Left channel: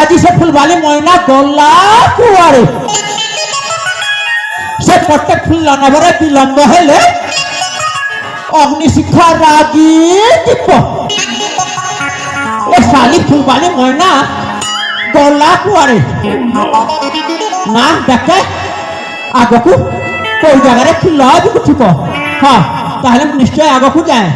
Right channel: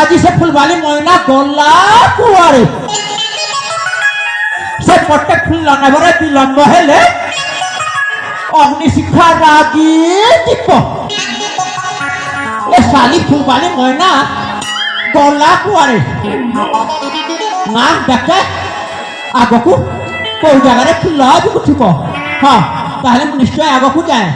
আজি সে ফুলবালি ময়না গলা কুয়ারে সে প্রত্যেক ফুল নেবরে বিলম্ব হেলে অগ্নিশিক্ষা রাগি দিব এ শালি ফুলবালি ময়না গলা কুয়ারে না দেখে আগকু কোন জায়গায় ফুল আদিকে থিব হ্যাঁ তাহলে নিশ্চয় আগকু যায়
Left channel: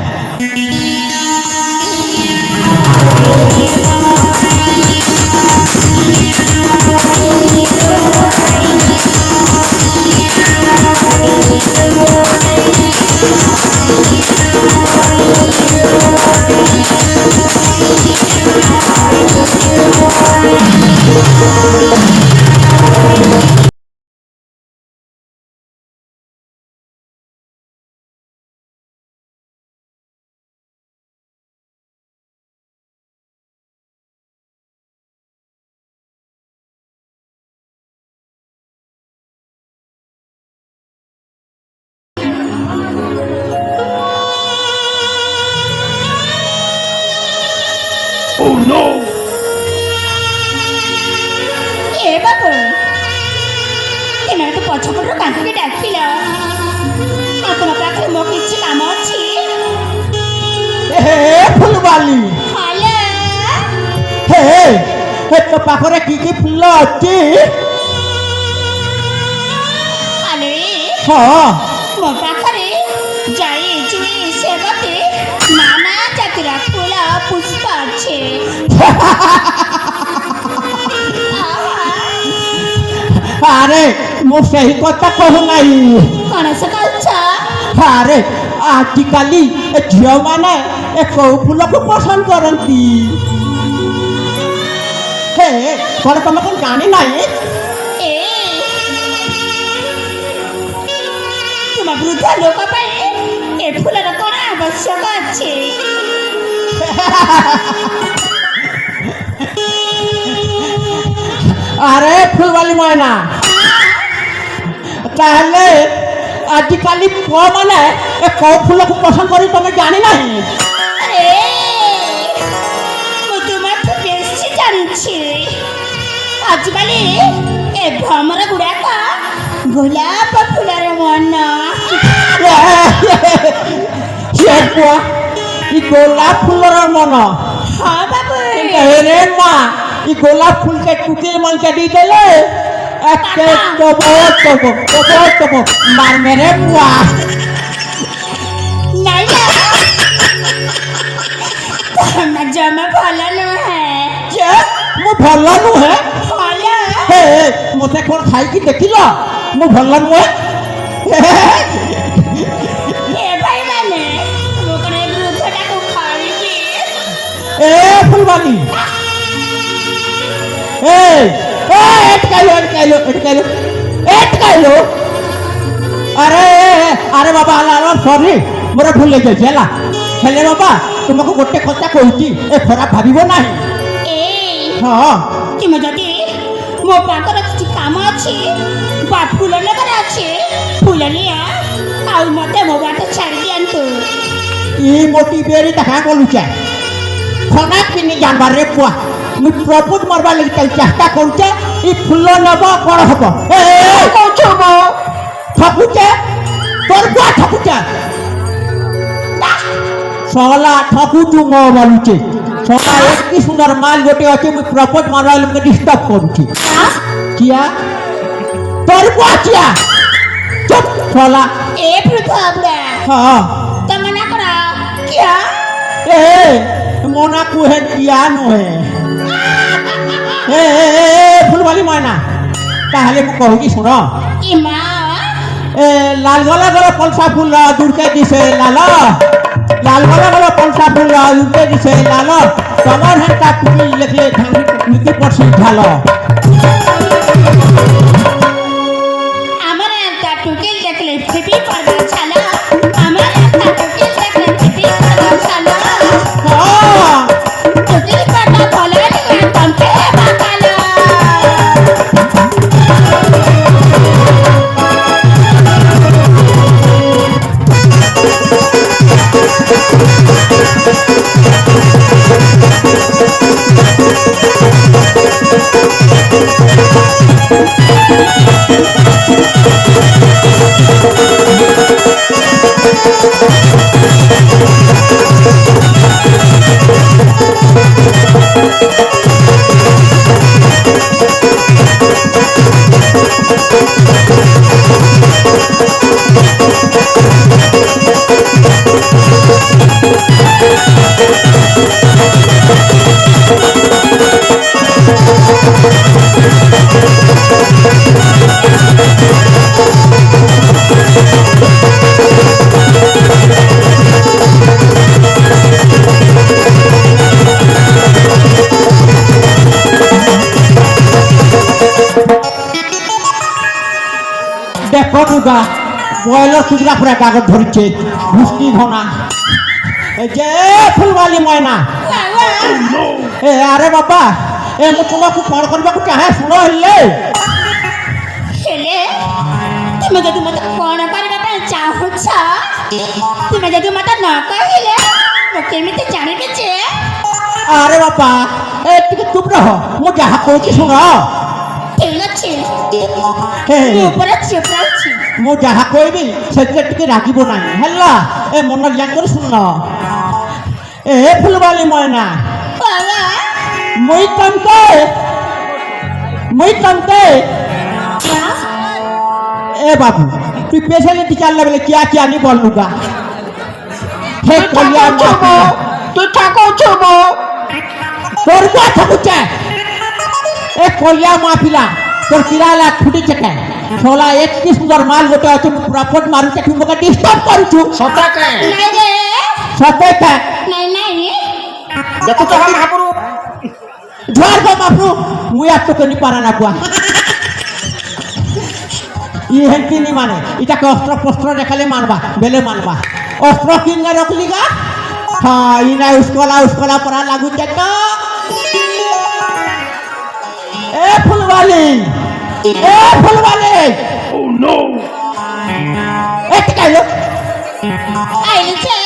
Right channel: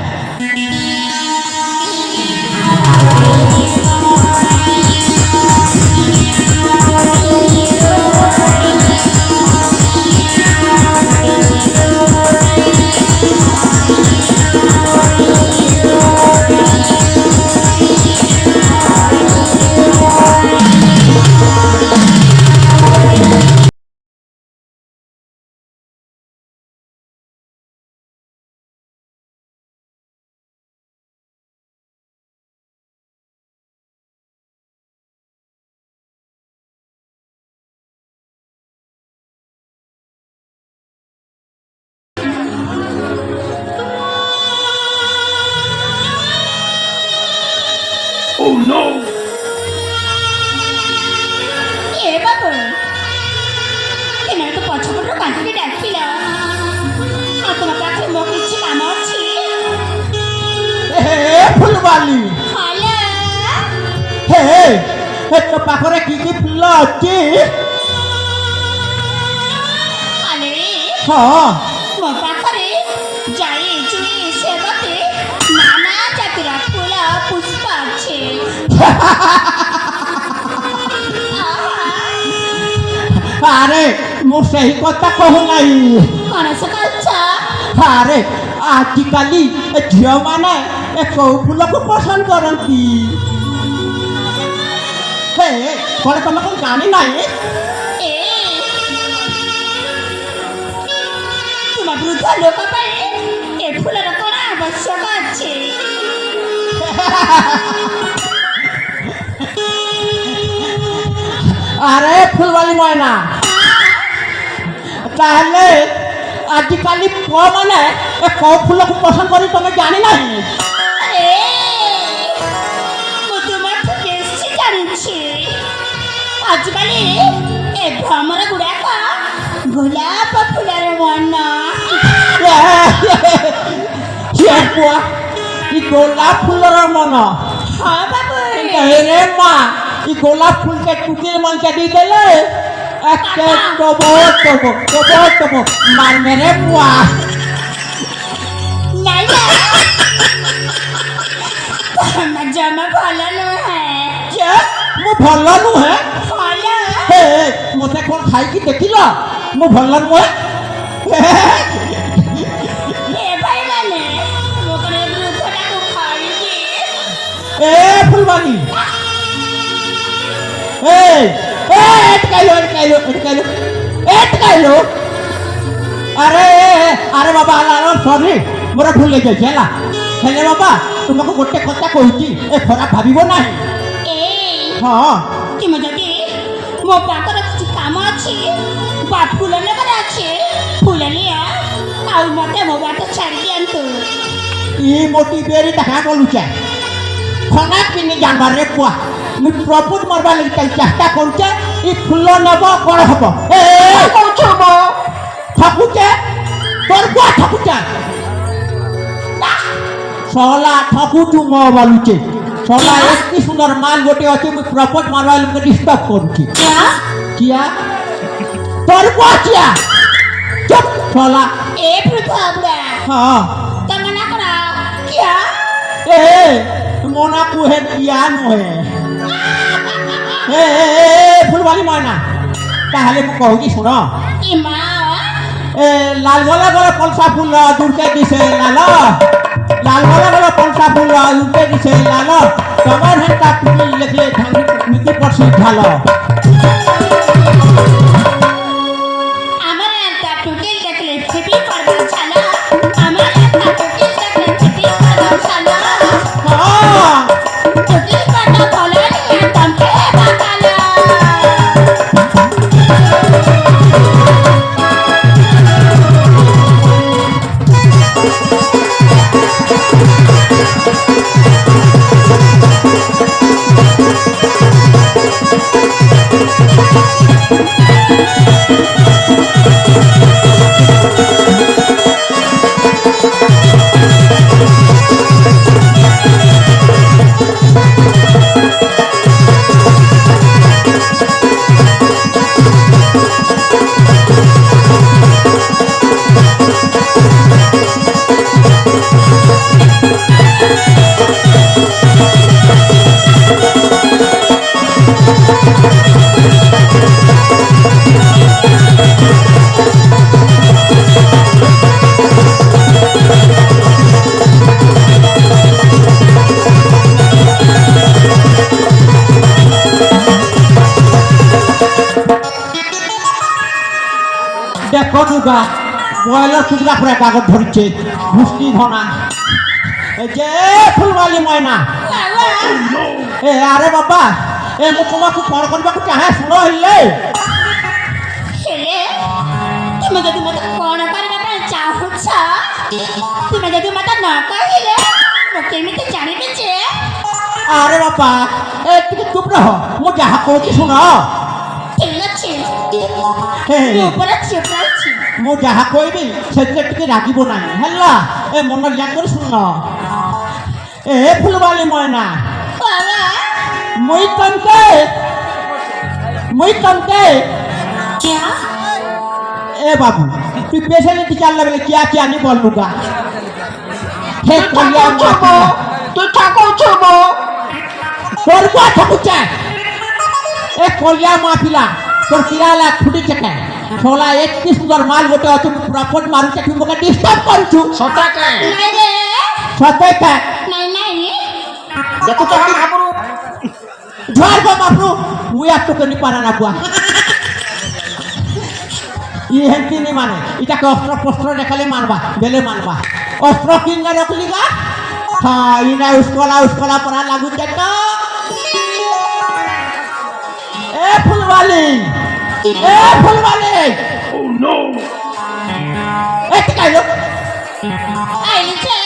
Oh no! ए बाबू ଏମାନେ ତ ପଛପଟରୁ କାହିଁକି ଡାକିଲ ତମ ପାଖରେ ମୋ କିଛି କାମ ଅଛି ହେ ଫୁଲବାଲି ହ୍ୟାଲୋ ହେ ହେ ତୋ ପାଖରେ କି ଫୁଲ ଅଛି ଆରେ ହଁ ମୋ ପାଖରେ ଜାଇ ଚୁଇ ସେବତୀ ନାନା ଜାତିର ଫୁଲ ପୁଷ୍ପ ଅଛି আরে ମୁଁ ସେହି କଥା କହୁନାହିଁ କଣ ସେ କହୁଛ ଆରେ ଆଜିକାଲି ଏ ଝିଅମାନେ ଏ କୋଉ ଫୁଲକୁ ପସନ୍ଦ କରନ୍ତି ହେ ଥରେ ତମେ କଣ ଜାଣିନାହିଁ ଏ ତୁମ ବୃଦ୍ଧ ଲୋକ ପାଇଁ ଏ ଫୁଲର କଣ ଆବଶ୍ୟକ ଅଛି আরে ফুলবালি ময়না তাহলে আজকালি পুଅମାନେ ଏ କୋଉ ଫୁଲକୁ ପସନ୍ଦ କରି ତମେ ଜାଣିନାହିଁ ମୁଁ ତୁମଠୁ ବେଶୀ ଜାଣିଛି ଆଜିକାଲି ଏ ଭ୍ରମର ଗୁଡାକ ଗୋଲାପ ଫୁଲରେ ମନ ସେ ପୁଅ ଇ ଗୋଲାପ ଫୁଲର ମନ ହଁ ବାବୁ রে মা ই গোলাপ ফুলকে টুটির মঞ্চে দিয়ে দিলে একটা তবো মার মেরে পুয়া ନାଇଁ ତମେ ଜମା ଭଲ ନୁହେଁ যে ମୁଁ ଭଲ ନୁହେଁ ଭଲ ହେ ମୋତେ କ'ଣ ଖାଇକି ଦେଖିଲ ମୁଁ ଭଲ ନୁହେଁ ଏ ଭାଇମାନେ ମୁଁ କଣ ଏ ବୃଦ୍ଧଟାକୁ ଖାଇବି ଏ ফুলবালি এটকাইলো আরে আরে বাবা সরি মোর ভুল হয়ে যাইছে হেলা হেলে বাবা তোমাকে গোটে কথা কହୁছি এ খরাপ ভাবিব না এই হ্যাঁ ତୁମେ ଯଦି ମୋ ପାଖରେ କିଛି କାମ ଅଛି ବା ଫୁଲ ନେବାର ଅଛି ଫୁଲ ନିଅ ଆଉ ମୋତେ ମୋ ବାଟ ଛାଡ଼ି ଦିଅନ୍ତୁ ই মোটি বেরি দেখা বলুছে খরাপ কিনি জানবার রে পুয়া মুই প্রপুত মারবার লাগি চেষ্টা করছে ই ফুল নেব বড় হব ঠকুছে তোর বুয়া ঠকুছে সলা ঠকুচু মো বলুছে সলা এত সুন্দর মাল গোটে আছে মুই প্রপোজ মারবার লাগি ডিস্টার্ব করছি কিয়া তোর বুয়া কিয়া চুপ সলা ଏ ବୃଦ୍ଧ ବୁଢ଼ା হ্যাঁ ତମେ ନା କର କିଆ এ মোনা কুহে কিয়া নহে ফুলবালি ময়না তাহলে মু কହୁছি শুণ ଏ ମା লাল গলা গলা পলসা ফুল দুর্কে দিছে লাল লাল গলা গলা পলসা ফুল দুর্কে দিছে লাল তোমার হেটা তুমি লেখলে ভাঙি নীতি পড়ছি ঝাল আমার একটা টুকিল দেখলে ফিটি পড়বে ছানা আমার একটা টুকিল দেখলে ফিটি পড়বে ছানা হ্যাঁ টুকিল Pada kolan yang tempe bakalan. দেখো দুটা বয়লার কুকুরা পুরা কাগজ ধরছে ঘুষনি ধনা এই যে ফুলবালি ময়না এ আরে বাবা এ মু তোমাকে ফোন করবাকু চাহে শুনো হইলে ହେଲେ ତୁମେ ଯଦି ମୋତେ କ'ଣ କରିବା ପାଇଁ ଚାହୁଁଛ ତୁମେ ଯଦି ମୋତେ ନ କହିଲେ ମୁଁ କେମିତି ଜାଣିବି ଯେ আরে বাবা এ ଟିକେ চুপ রহ মু যাহা কହୁছি শুনো ଠିକ୍ ଅଛି ହେ ମୁଁ ପୁରା ଚୁପ୍ ଅଛି ମୁଁ ଯାହା କହିବି ସେଥିରେ ଟିକେ ରାଗିବ ନାହିଁ ହେଲା ଏ ମନ ଲିଆ କରି ଶୁଣ ଏ ফুলবালি ময়না ବାବା মুই তমকে এ বাবু তুই পেশেন্ট টিচার লাগলে কিয়া কিয়া নি বলবুগা হে কলিয়া মাপি তুই ঠাকুছ তোর গা ঠাকুছে এ কলিয়া মাপিলা তোর কিরালা ছুটি চেকে ছোলা এক কি সুন্দর মাল গোটে আছে মু প্রপট মারুছে তুই মকে ডিস্টার্ব করছু সতাকে ନାଇଁ ରେ সতে কে ନାଇଁ ନାଇଁ দেখুছ কি হাবরু ঝড় গো মাপু মুই আর তোকে নি পারা না বুয়া ই হেনকি নি মানে এটাকে অস্ত্র পস্ত্র দেখালে মারবা বেলে মারবা অস্ত্র কিনে রাখলি গা হ্যাঁ ইনা উস্কলা পরা লাগু দেখ এ ফুলবালি ও নো এ ঠিক আছে ଆଇଲି ଯେ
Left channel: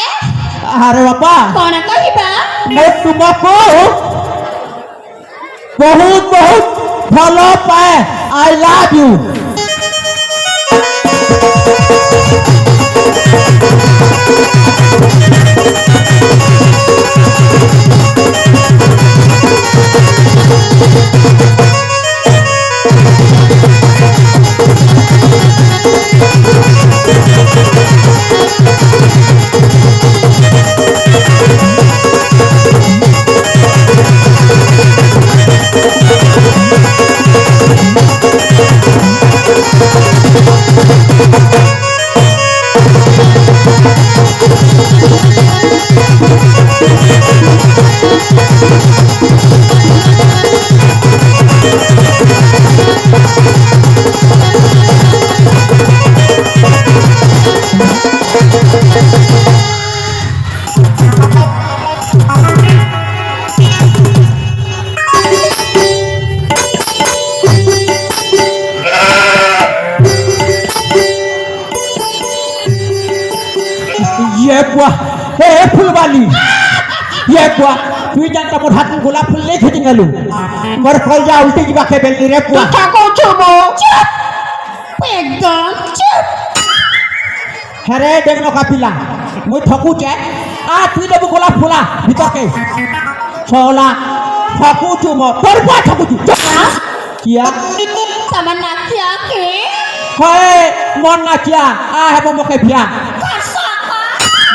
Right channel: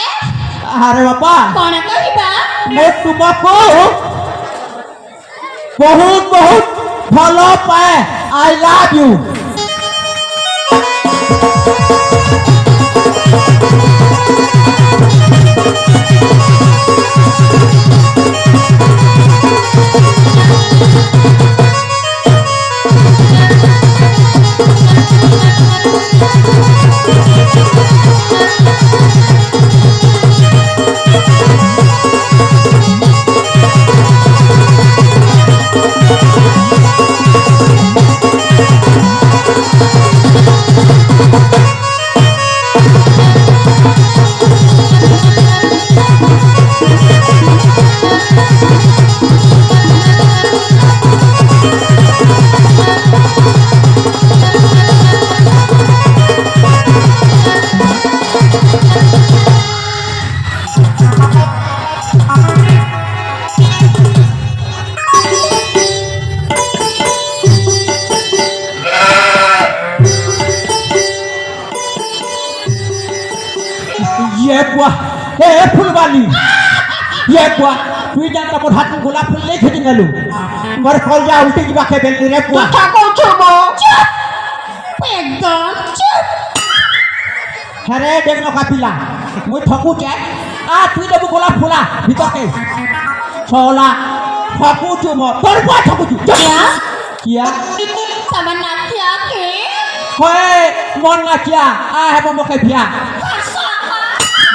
আরে বাবা କ'ଣ କହିବା मैं तुमको बहुत बहुत भलो पाए आई लव यू ये बुआ हे फुलवाली ये बुआ তুই জানতা মোর হাত গোলাপ ফুল নেই খেতে গেল মোর ফল যা উল্টে দিবা কে বেলি রে বুয়া চুপ একদম চুপ হ্যাঁ দেখলো কাপিলা মুই ঠকুছে আ তুই দেবো গোলাপ ফুলা ভিতরকে ছলা ঠকুছু মো তোর বুয়া ঠকুছু কিয়া તમાર નાખ્યા કે হয় মন না কিয়া আ হেব মকে বিয়া ખાસા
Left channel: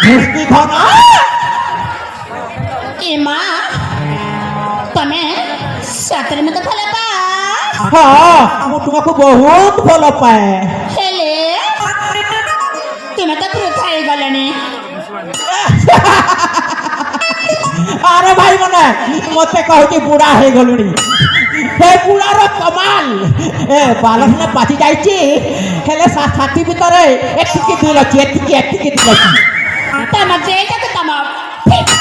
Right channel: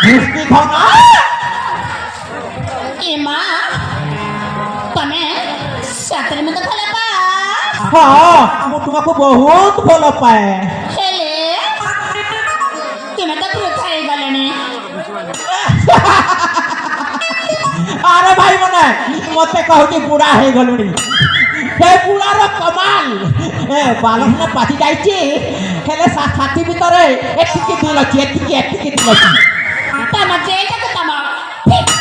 ঘুষনি ধনা એમાં તમે સાતરે માં તો ભલે પા হ্যাঁ মু তোমাকে বহুত ভালো পায় ହେଲେ ତୁମେ ତ ବୃଥା ହେଇଗଲେଣି আরে ভাই মানে মতে কହୁছি বুড়া হয়ে গলুনি সে বুড়ার কমাল এ বালক না পাতি যাইছি হেলে সাথী ভিতরে একটিকি দুই লক্ষ একটিকি দুই লক্ষ ତମ ଯେଇଟାକୁ ତମ ଠିକ୍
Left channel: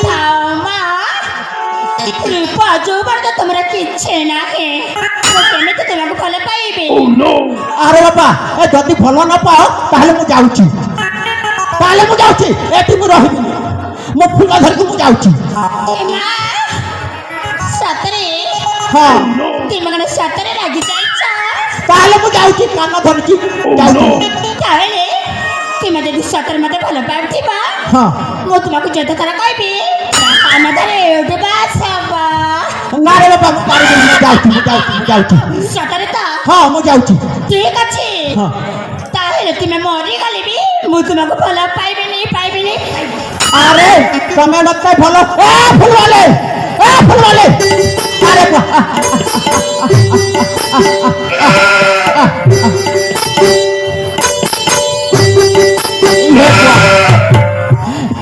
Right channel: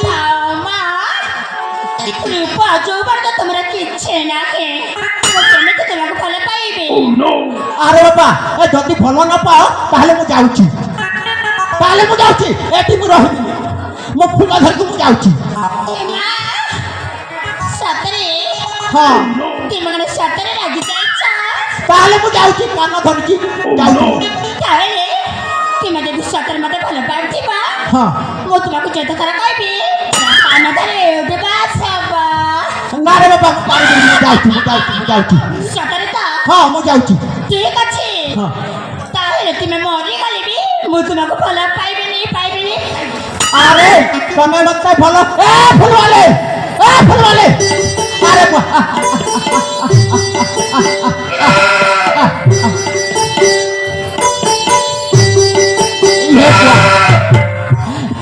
ଥାଉ ମା ରୂପା ଯୌବନ ତ ତମର କିଛି ନାହିଁ ମୁଁ କେମିତି ତୁମକୁ ଭଲ ପାଇବି Oh no! ଆରେ ବାପା ଏ ଯଦି ଭଲ ନ ପାଅ ତାହେଲେ ମୁଁ ଯାଉଛି ଏଠି ମୁଁ ରହିବିନି ମୋ ଫୁଲ ଧରିକି ମୁଁ ଯାଉଛି ମା ସତରେ ହଁ ତୁମେ ମାନେ ସତରେ ରାଗି ଯାଇଛ ତାହେଲେ ମୁଁ ଯାଉଛି କାନ ଧରିକି ଯାଉଛି ତାହେଲେ ତୁମେ ଯଦି ସତରେ ମତେ ଭଲ ପାଉଥିବା ହଁ ମୁଁ ତୁମକୁ ଯେତେ ଥର କହିବି ଆମ ଧରେ ଉଠିବା ସବ ନା ରେ ବାପା ମୁଁ ପାରିବିନି ମୁଁ ଯାଉଛି ସତରେ ତ ହଁ ମୁଁ ଯାଉଛି ଠିକ ଅଛି ହଁ ତାହେଲେ ତୁମେ ମରିଗଲେ ବି ମୁଁ ତୁମକୁ ଭଲ ପାଇବିନି আরে তুমি মতে ভালো ফুলওয়ালে আরে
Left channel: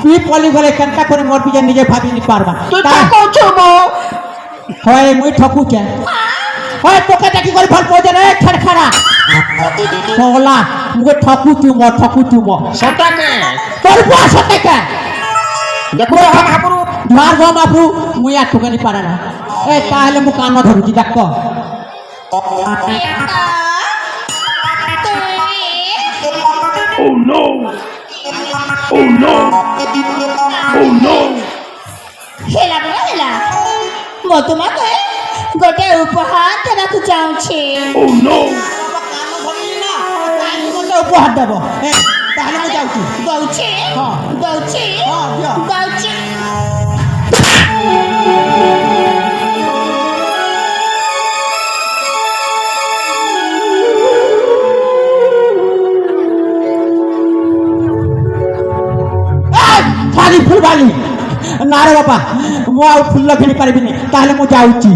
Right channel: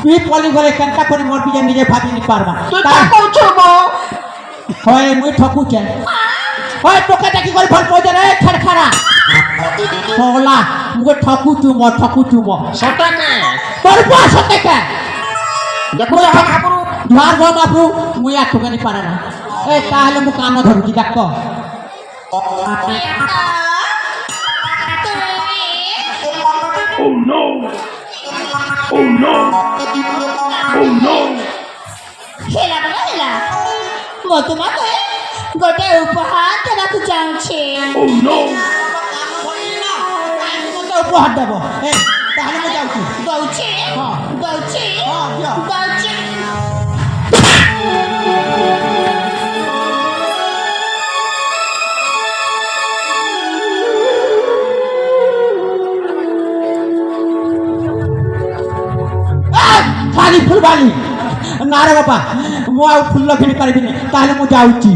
তুই পলি গলে কেনকা করে মরবি যে নিজে ভাবি নি পারবা তুই তা কইছো মো হয় মুই ঠকুছে হয় তোকে দেখি করে ফল পয়জে রে খেড়খাড়া সোলা মুকে ঠকুচু মো সটাকে তোর বুয়া সতেকে দেখো মহাপুরু ধার গো বাবু মুই আর তোকে নি পারে না এ তাহলে মু কান ধরুছি দেখ Oh no! Oh no! Oh no! ହେଲା ମୁଁ ତୁମକୁ ଗୋଟେ ଉପହାର ଦେବାକୁ ଚାହୁଁଛି Oh no! উপহার দেব তাহলে মু যাচ্ছি ଦଉଛି ହଁ। ଦଉଛି ହଁ, ଦିଅ। ଦଉଛି খালি ফুলবালি না রে বাবা মু আর ফুল কিনি পারিবিনি তাহলে মু যাচ্ছি